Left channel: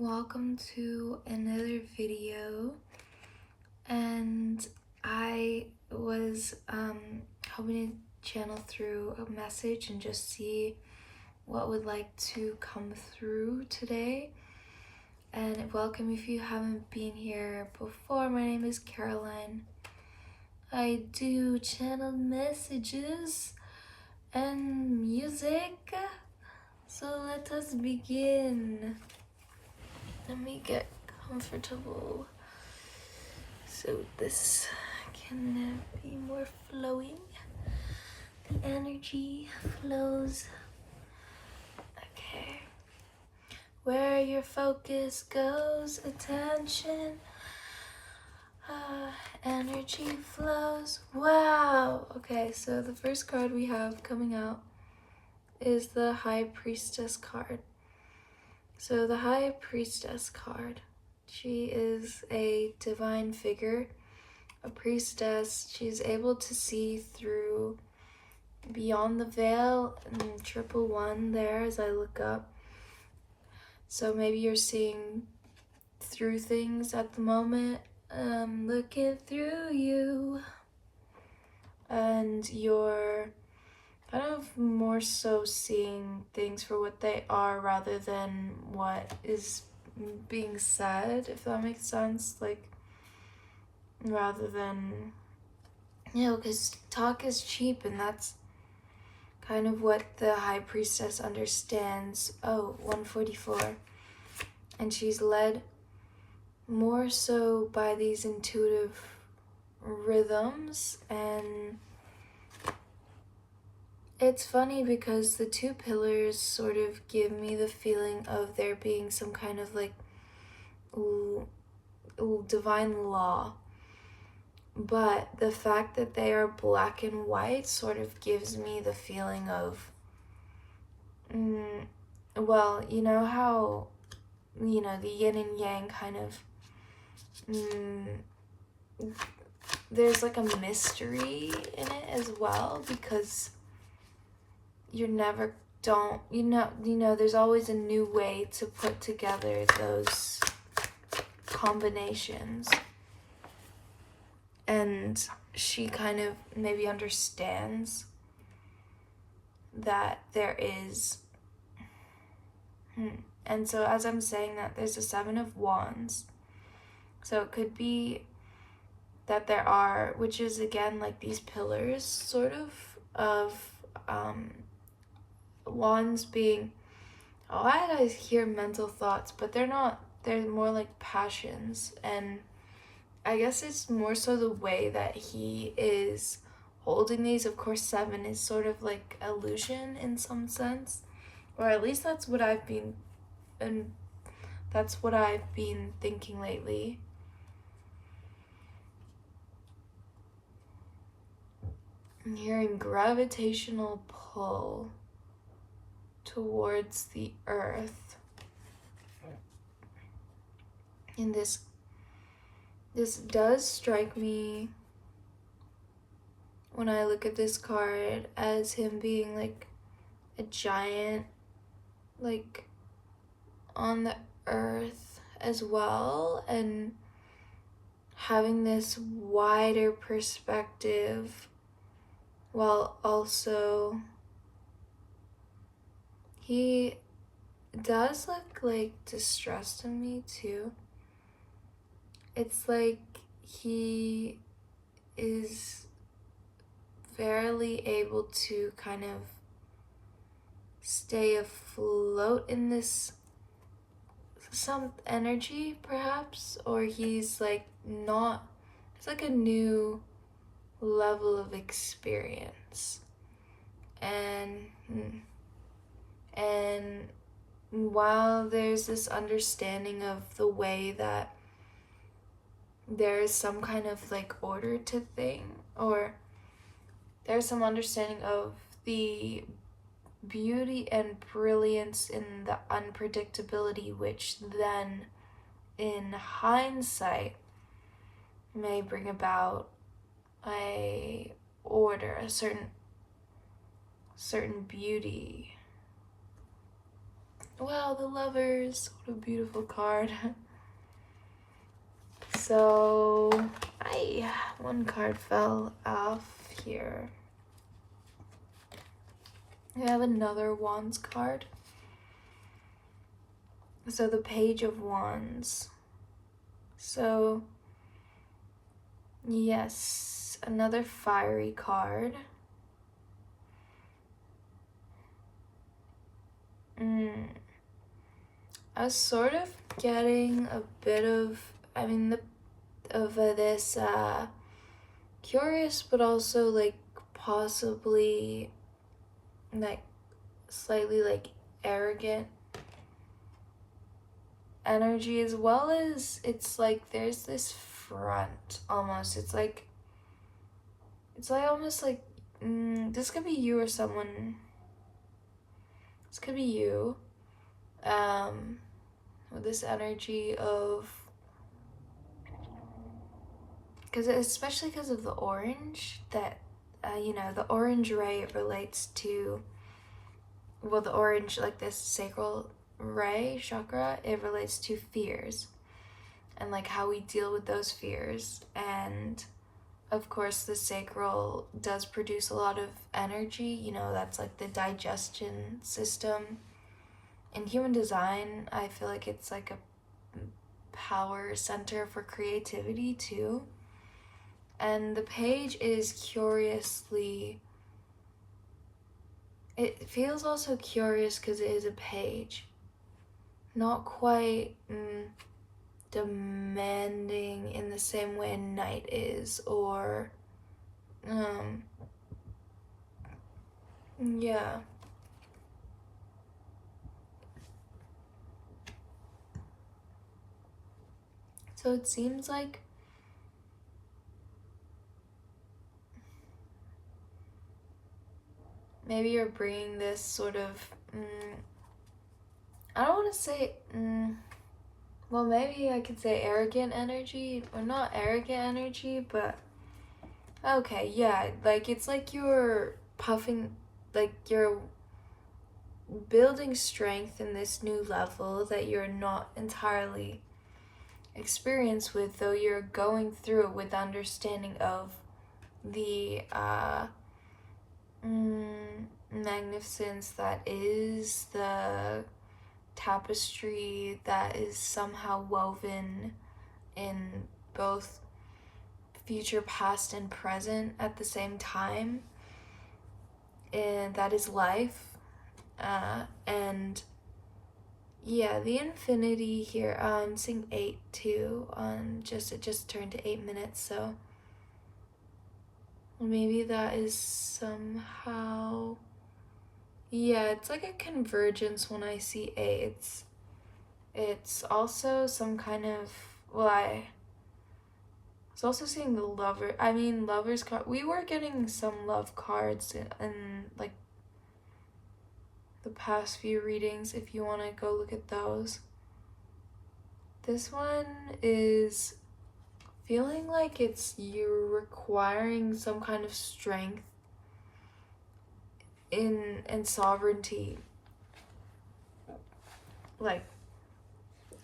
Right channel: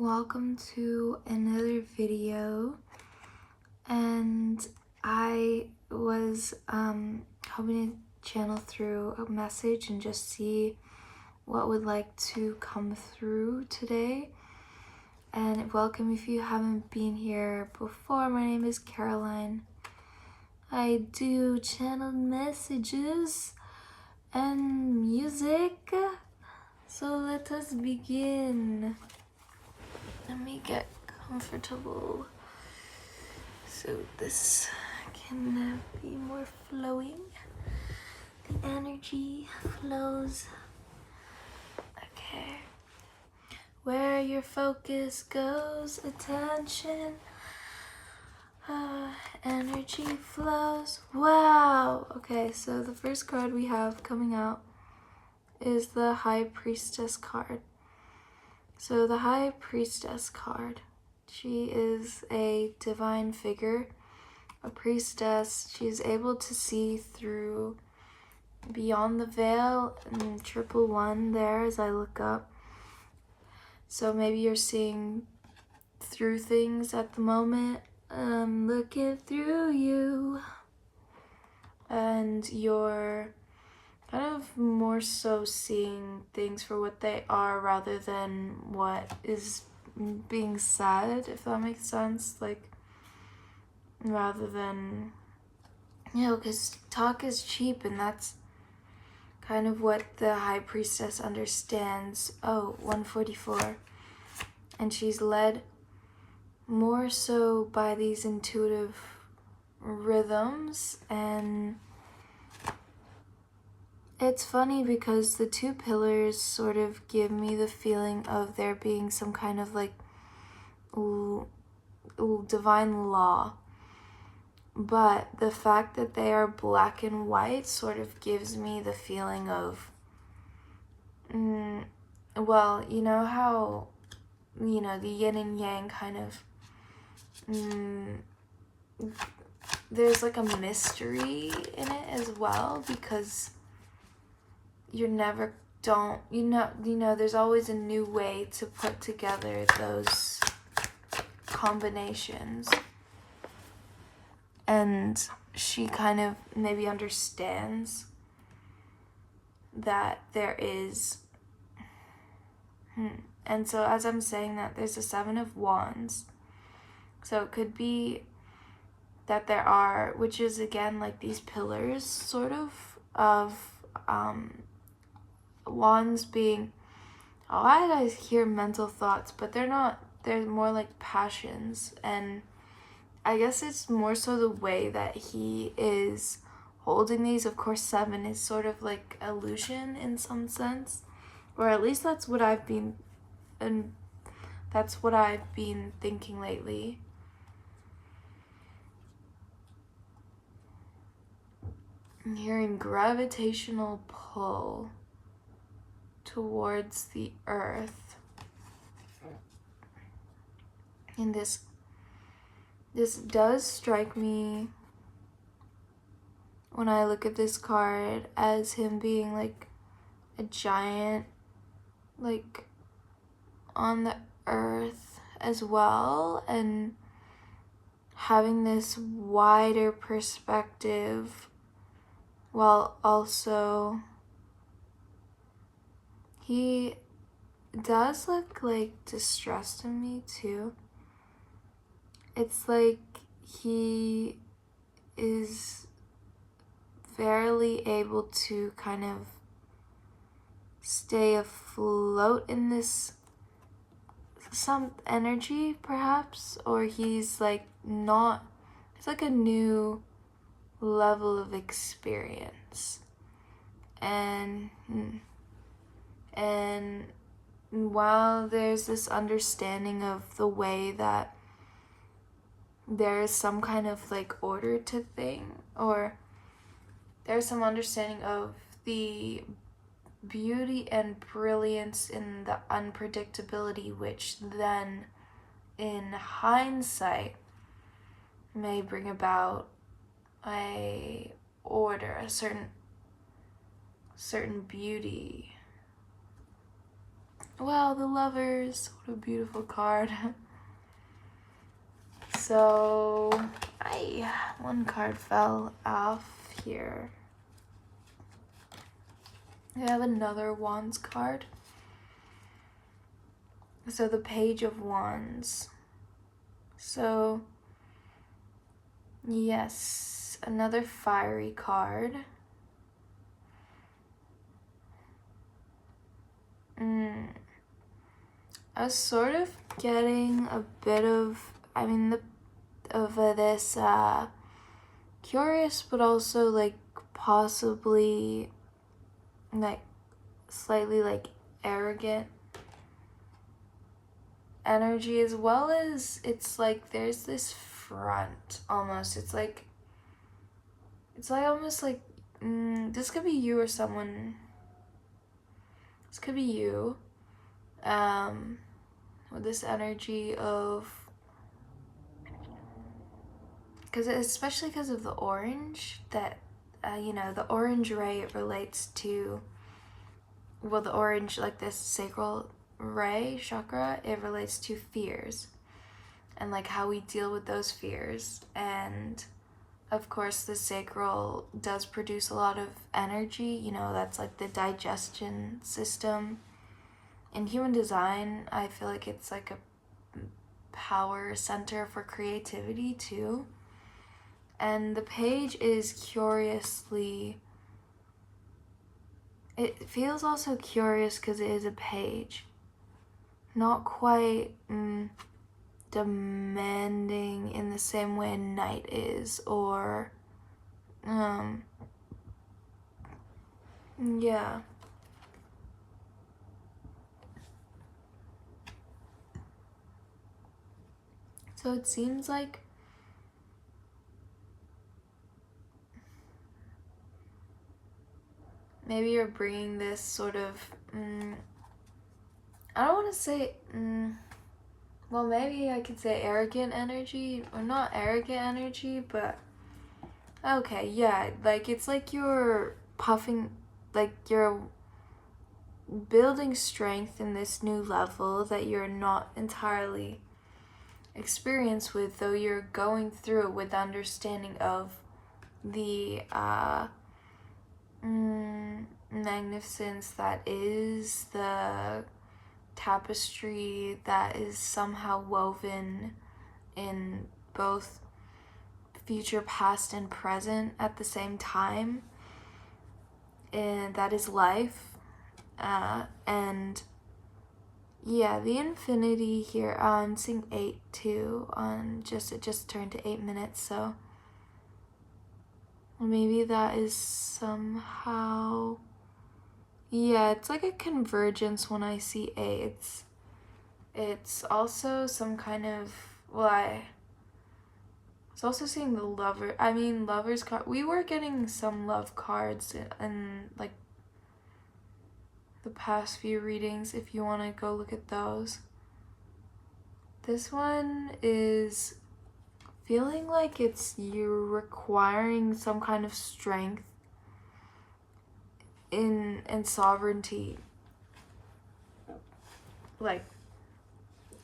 Welcome to another video, and I was hoping to channel through a message and just see what would like to come through today. And welcome if you haven't been here before. My name is Caroline. I do channeled messages and music, so let us begin. Let me get comfortable so this can be more flowing. The energy flows. Okay. Where your focus goes, attention, energy flows. Wow. Okay, so the first card we have coming out is the High Priestess card. So the High Priestess card, she is a divine figure, a priestess. She's able to see through beyond the veil, and triple one there as I look up. So maybe you're seeing through things at the moment. I'm looking through you, and you're kind of more so seeing things for what they are rather than what is being said, if that makes sense. Like, rather than, because talk is cheap, and that's kind of what the High Priestess understands. Oh, 144. And she's led more so by these intuitive rhythms. And it's funny because the two pillars sort of give me the feeling of there being some kind of like divine law. But the fact that they are black and white sort of gives me the feeling of, well, you know how, the yin and yang kind of, there's like a mystery in it as well, because you're never there's always a new way to put together those combinations. And she kind of maybe understands that there is, and so as I'm saying that, there's a 7 of Wands. So it could be that there are, which is again like these pillars sort of wands being, I hear mental thoughts, but they're not, they're more like passions. And I guess it's more so the way that he is holding these. Of course, 7 is sort of like illusion in some sense, or at least that's what I've been thinking lately. I'm hearing gravitational pull towards the earth. And this does strike me when I look at this card as him being like a giant, like on the earth as well, and having this wider perspective, while also he does look like distressed in me too. It's like he is barely able to kind of stay afloat in this some energy perhaps, or he's like not, it's like a new level of experience. And while there's this understanding of the way that there is some kind of like order to thing, or there's some understanding of the beauty and brilliance in the unpredictability, which then in hindsight may bring about a order, a certain beauty. Wow, the Lovers. What a beautiful card. So, one card fell off here. I have another Wands card. So the Page of Wands. So, yes, another fiery card. I was sort of getting a bit of, this curious, but also like possibly like slightly like arrogant energy, as well as it's like there's this front almost. It's like almost like this could be you or someone. This could be you. With this energy of, especially because of the orange, that the orange ray relates to, well, the orange, like this sacral ray chakra, it relates to fears and like how we deal with those fears. And of course the sacral does produce a lot of energy, that's like the digestion system. In human design, I feel like it's like a power center for creativity too. And the page is curiously, it feels also curious because it is a page. Not quite demanding in the same way a knight is, or, yeah. So it seems like maybe you're bringing this sort of, I don't want to say, well, maybe I could say arrogant energy, or not arrogant energy, but okay, yeah, like it's like you're puffing, like you're building strength in this new level that you're not entirely experienced with, though you're going through it with understanding of the magnificence that is the tapestry that is somehow woven in both future, past, and present at the same time, and that is life. And yeah, the infinity here, I'm seeing 8 too, it just turned to 8 minutes, so maybe that is somehow, yeah, it's like a convergence when I see 8. It's also some kind of, I was also seeing the lovers card. We were getting some love cards in like the past few readings, if you want to go look at those. This one is feeling like you're requiring some kind of strength and sovereignty, like,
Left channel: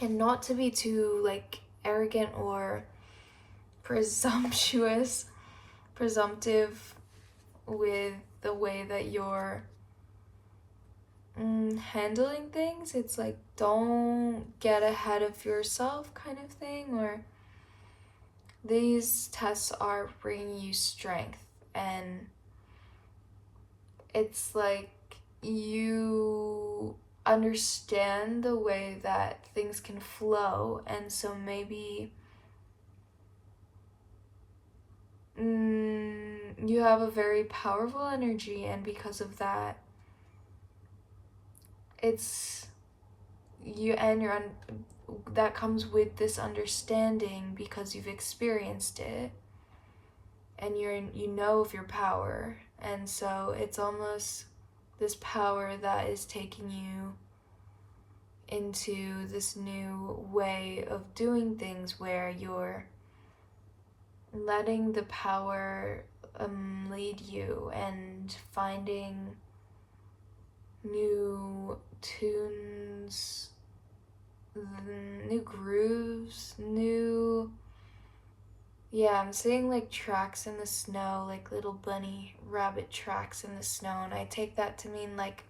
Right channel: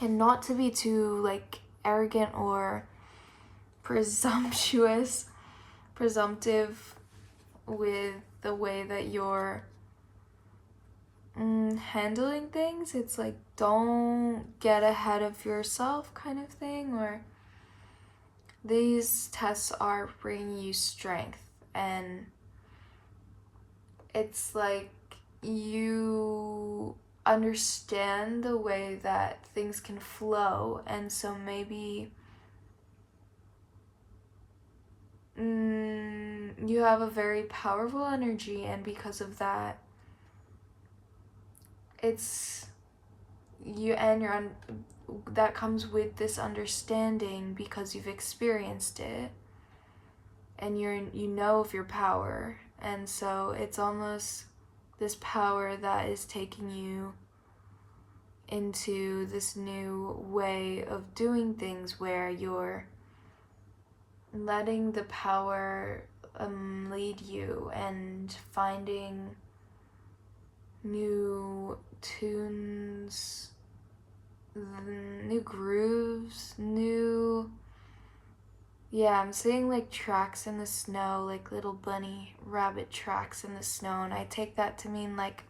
and not to be too like arrogant or presumptive with the way that you're handling things. It's like, don't get ahead of yourself kind of thing, or these tests are bringing you strength, and it's like you understand the way that things can flow, and so maybe you have a very powerful energy, and because of that, it's you, and that comes with this understanding because you've experienced it, and you know of your power, and so it's almost this power that is taking you into this new way of doing things, where you're letting the power lead you and finding new tunes yeah, I'm seeing like tracks in the snow, like little bunny rabbit tracks in the snow, and I take that to mean like,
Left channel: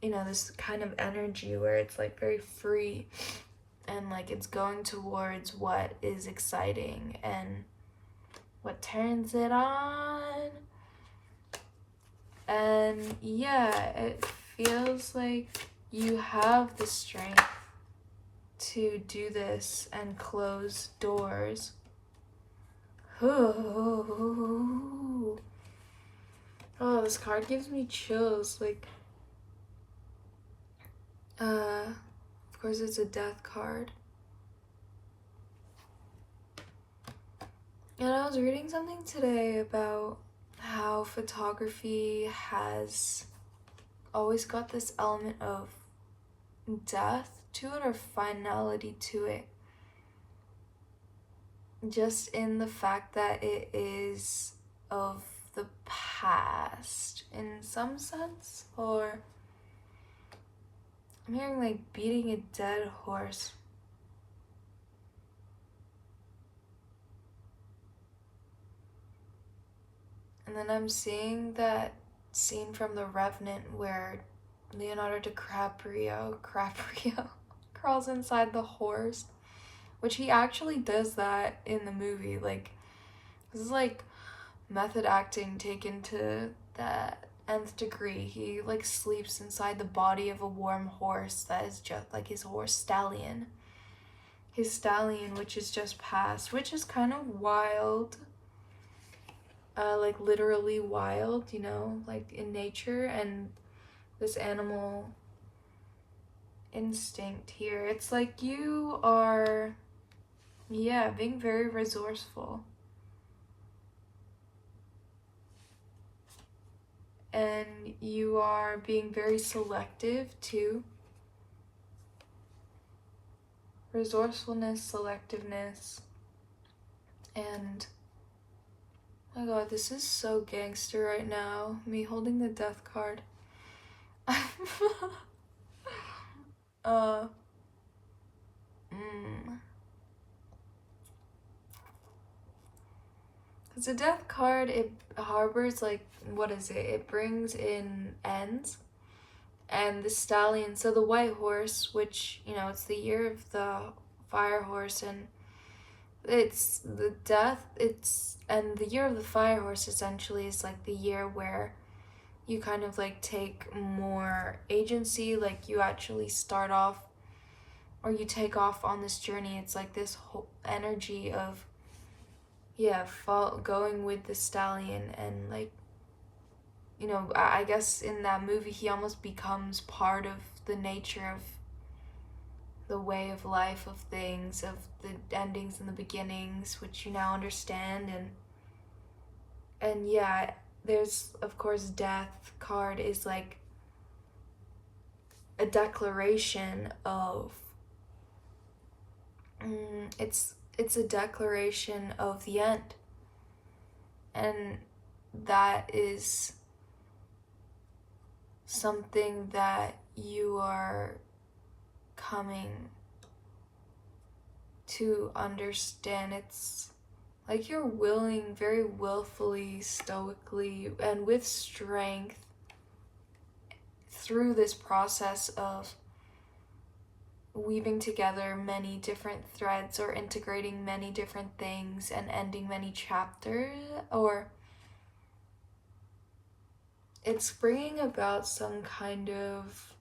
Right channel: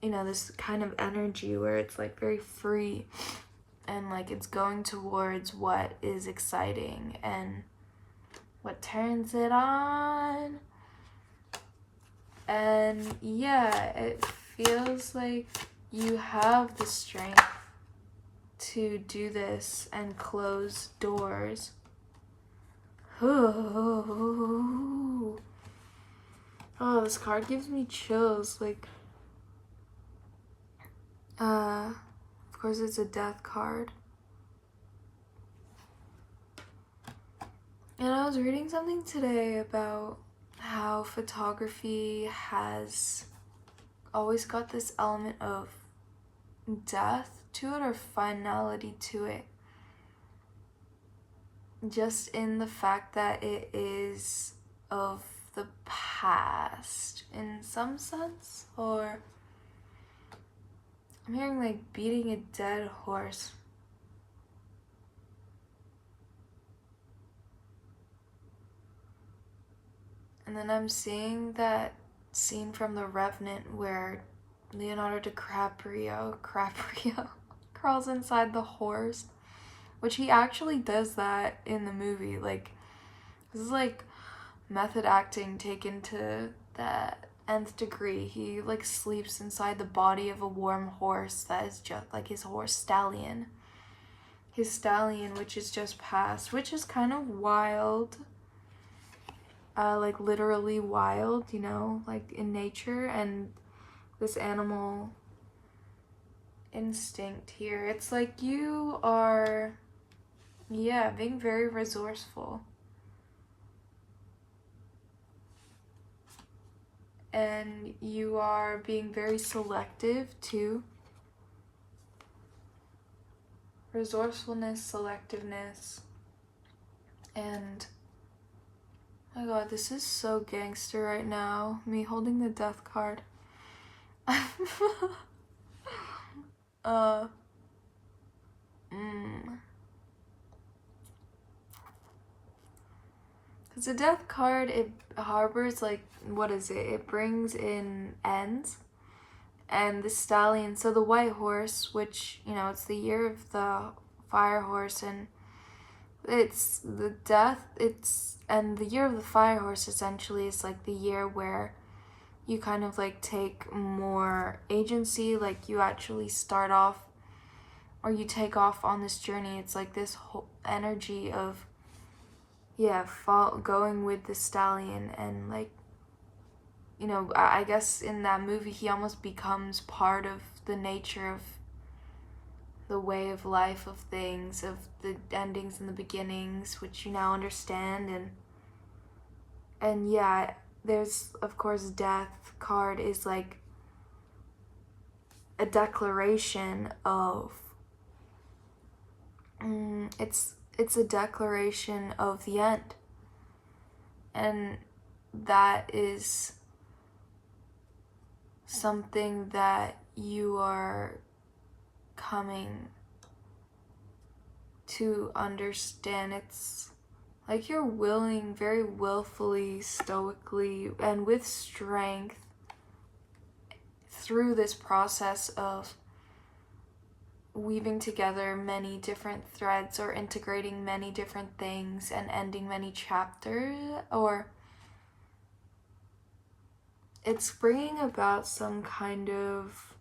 you know, this kind of energy where it's like very free and like it's going towards what is exciting and what turns it on. And yeah, it feels like you have the strength to do this and close doors. Oh, this card gives me chills. Like, of course, it's a death card. And I was reading something today about how photography has always got this element of death to it or finality to it. Just in the fact that it is of the past in some sense, or I'm hearing like beating a dead horse. And then I'm seeing that scene from The Revenant where Leonardo DiCaprio crawls inside the horse, which he actually does that in the movie. Like, this is like method acting taken to that nth degree. He like sleeps inside the body of a warm horse that is just like his stallion, which is just passed, which is kind of wild. Like literally wild, you know, like in nature. And this animal instinct here, it's like you are, yeah, being very resourceful. And you are being very selective too. Resourcefulness, selectiveness, and oh my god, this is so gangster right now. Me holding the death card. Because the death card, it harbors like, what is it? It brings in ends. And the stallion, so the white horse, which, you know, it's the year of the fire horse, and it's the death, and the year of the fire horse essentially is like the year where you kind of like take more agency, like you actually start off or you take off on this journey. It's like this whole energy of, yeah, going with the stallion. And like, you know, I guess in that movie he almost becomes part of the nature of the way of life of things, of the endings and the beginnings, which you now understand. And yeah, there's of course death card is like a declaration of it's a declaration of the end. And that is something that you are coming to understand. It's like you're willing, very willfully, stoically, and with strength through this process of weaving together many different threads or integrating many different things and ending many chapters, or it's bringing about some kind of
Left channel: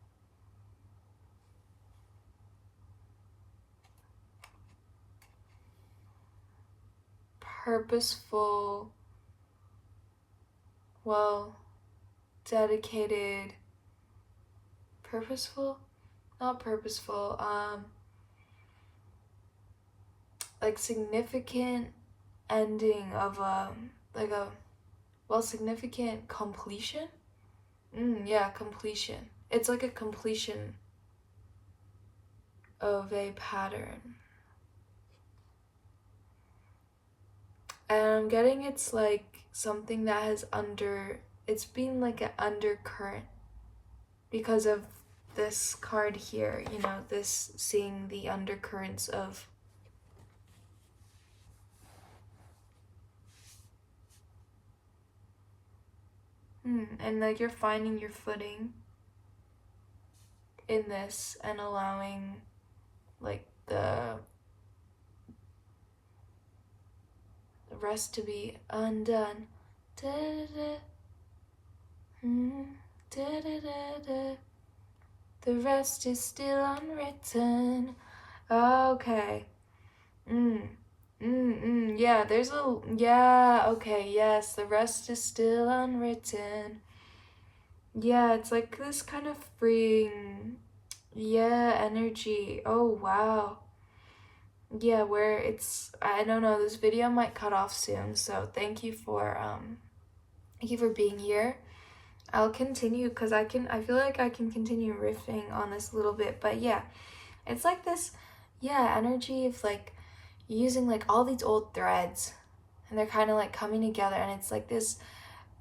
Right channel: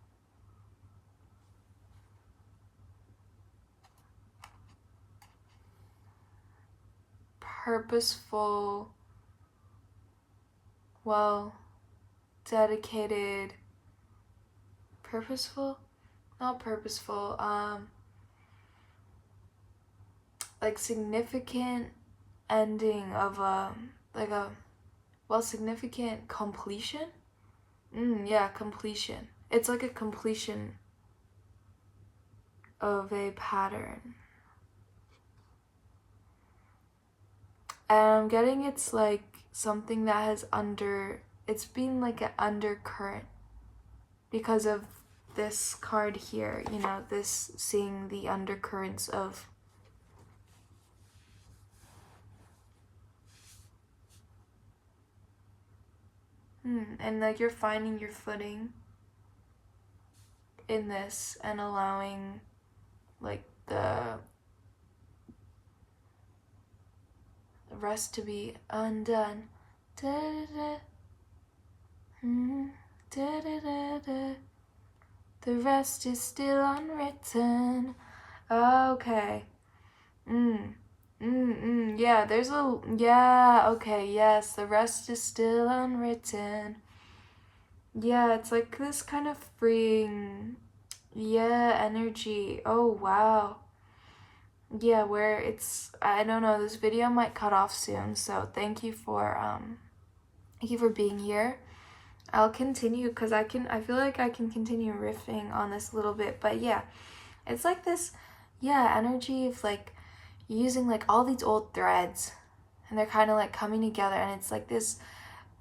purposeful, well, dedicated, purposeful, not purposeful, like significant ending of significant completion. Yeah, completion. It's like a completion of a pattern. And I'm getting it's like something that has it's been like an undercurrent because of this card here, you know, this seeing the undercurrents of And like you're finding your footing in this and allowing like the rest to be undone. Da-da-da. Da-da-da-da. The rest is still unwritten. Okay. Yeah, okay, yes, the rest is still unwritten. Yeah, it's like this kind of freeing, energy. Oh, wow. Yeah, where it's, I don't know, this video might cut off soon, so thank you for being here. I'll continue because I feel like I can continue riffing on this a little bit, but yeah, it's like this, energy of like using like all these old threads and they're kind of like coming together, and it's like this,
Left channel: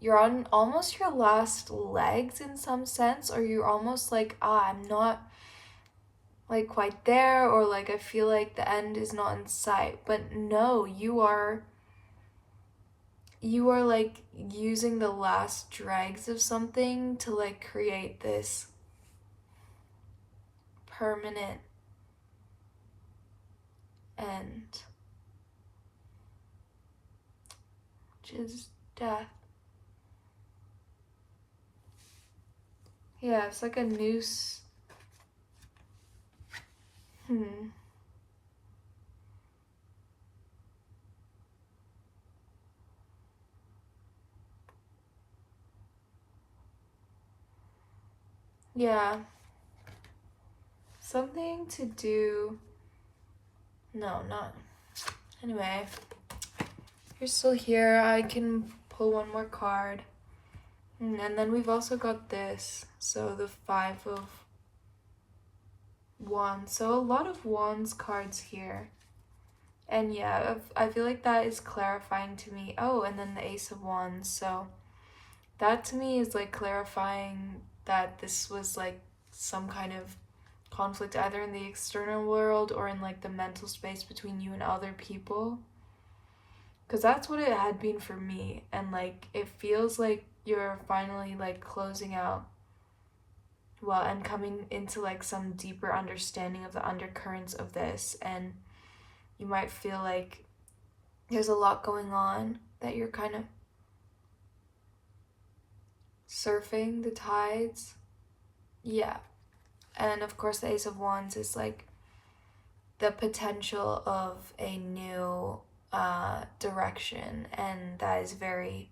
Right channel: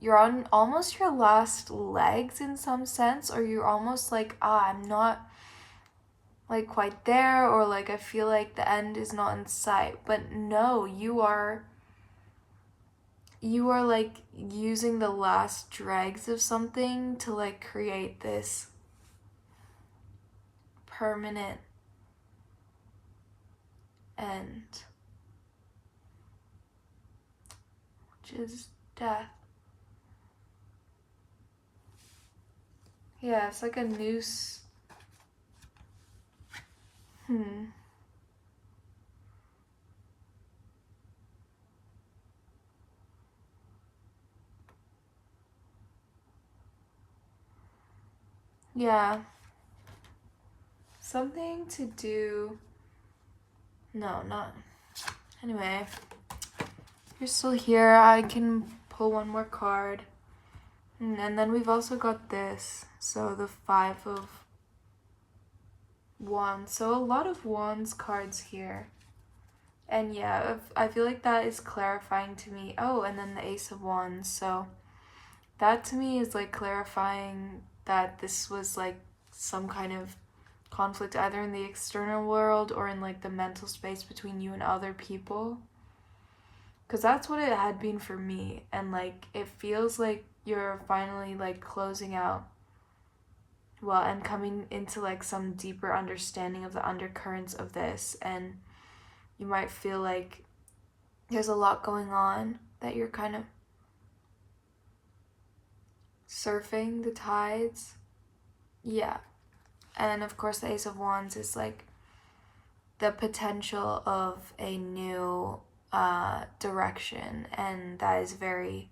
you're on almost your last legs in some sense, or you're almost like, I'm not like quite there, or like I feel like the end is not in sight. But no, you are like using the last dregs of something to like create this permanent end, which is death. Yeah, it's like a noose. Yeah. Something to do. No, not. Anyway, if you're still here, I can pull one more card. And then we've also got this. So the 5 of Wands. So a lot of Wands cards here. And yeah, I feel like that is clarifying to me. Oh, and then the Ace of Wands. So that to me is like clarifying that this was like some kind of conflict either in the external world or in like the mental space between you and other people, because that's what it had been for me. And like it feels like you're finally like closing out well and coming into like some deeper understanding of the undercurrents of this, and you might feel like there's a lot going on that you're kind of surfing the tides. Yeah. And of course, the Ace of Wands is like the potential of a new direction, and that is very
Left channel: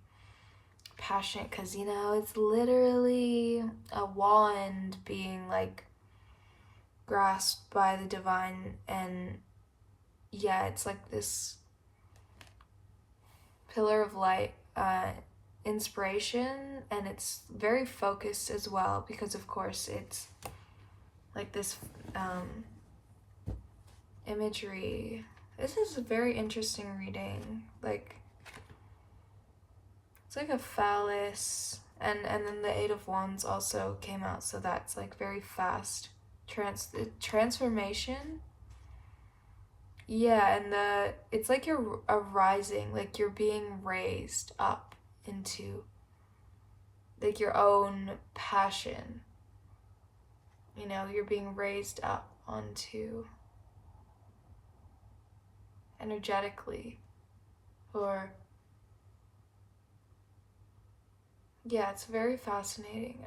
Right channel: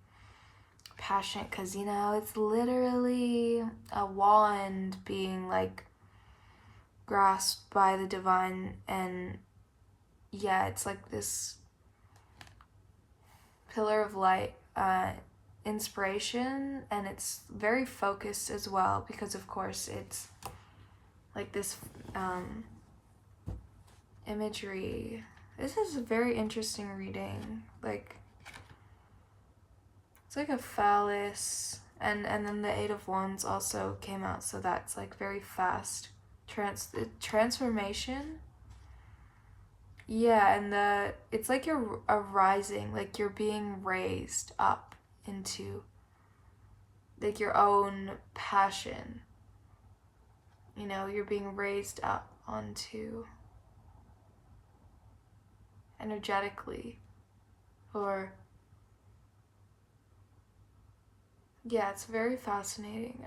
passionate because, you know, it's literally a wand being like grasped by the divine, and yeah, it's like this pillar of light inspiration, and it's very focused as well because of course it's like this imagery. This is a very interesting reading. Like it's like a phallus, and then the 8 of Wands also came out, so that's like very fast transformation. Yeah, and it's like you're arising, like you're being raised up into like your own passion. You know, you're being raised up onto energetically, or yeah, it's very fascinating.